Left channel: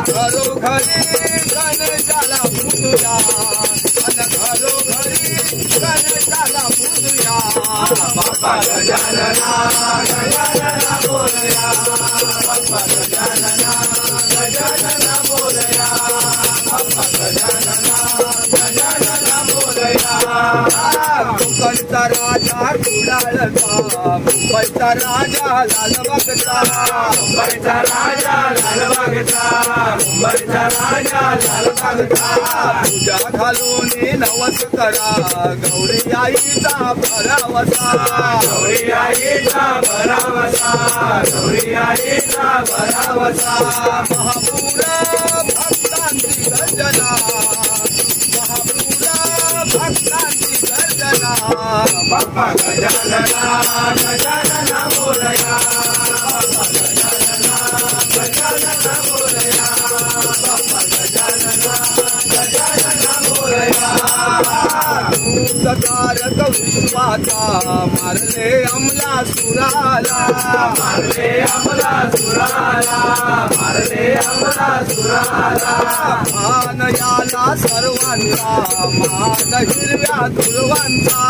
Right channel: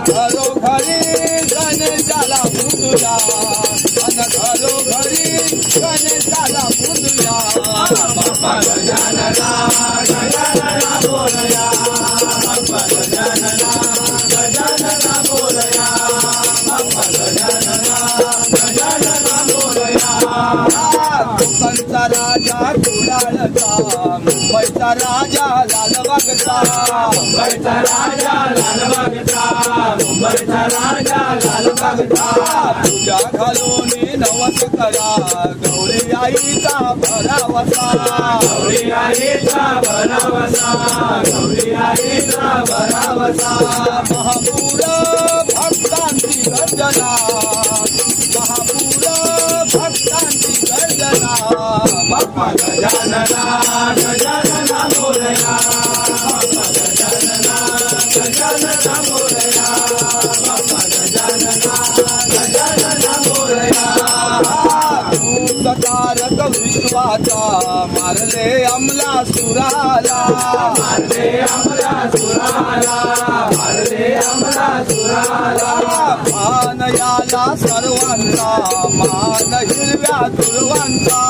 घरोघरी गणेशाला पूजूया आणि घरोघरी गणेशाला पूजूया बाप्पा गजानना गजानना बोलया बाप्पा गजानना गजानना बोलया बाप्पा गजानना गजानना बोलया कोकणचा राजा कुडाळचा मुंबईचा राजा लालबागचा मुंबईचा राजा लालबागचा मुंबईचा राजा लालबागचा पूजा घालून नवस करा गौरी आईचा भरावसा गौरी आईचा भरावसा गौरी आईचा भरावसा महापूर भक्तांची गर्जना महापूर भक्तांची गर्जना बाप्पा गजानना गजानना बोलया बाप्पा गजानना गजानना बोलया बाप्पा गजानना गजानना बोलया तारक विश्वाचा मारले अमला सुराला मारले अमला सुराला मारले अमला सुराला मान याला सर्वांचा मान हिरव्या दुर्वांचा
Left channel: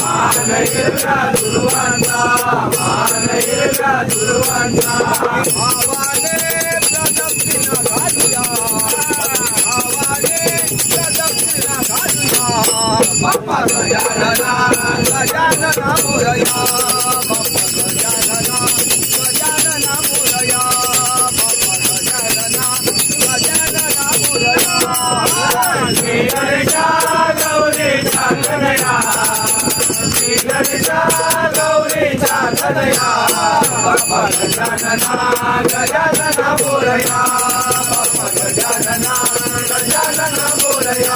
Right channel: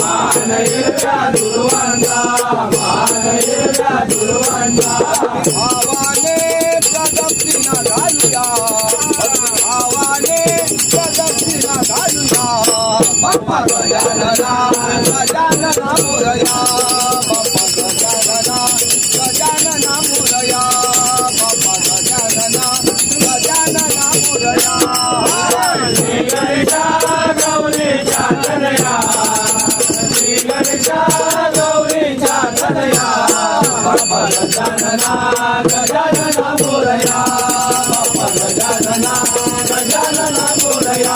मान हिरव्या दुर्वांचा मान हिरव्या दुर्वांचा भावाने प्रदक्षिणा घालूया भावाने प्रदक्षिणा घालूया बाप्पा गजानना गजानना मोरया बाप्पा गजानना गजानना मोरया बाप्पा गजानना गजानना मोरया श्री गणेशा गौरीचा कन्हैया श्री गणेशा गौरीचा कन्हैया बाप्पा गजानना गजानना मोरया बाप्पा गजानना गजानना मोरया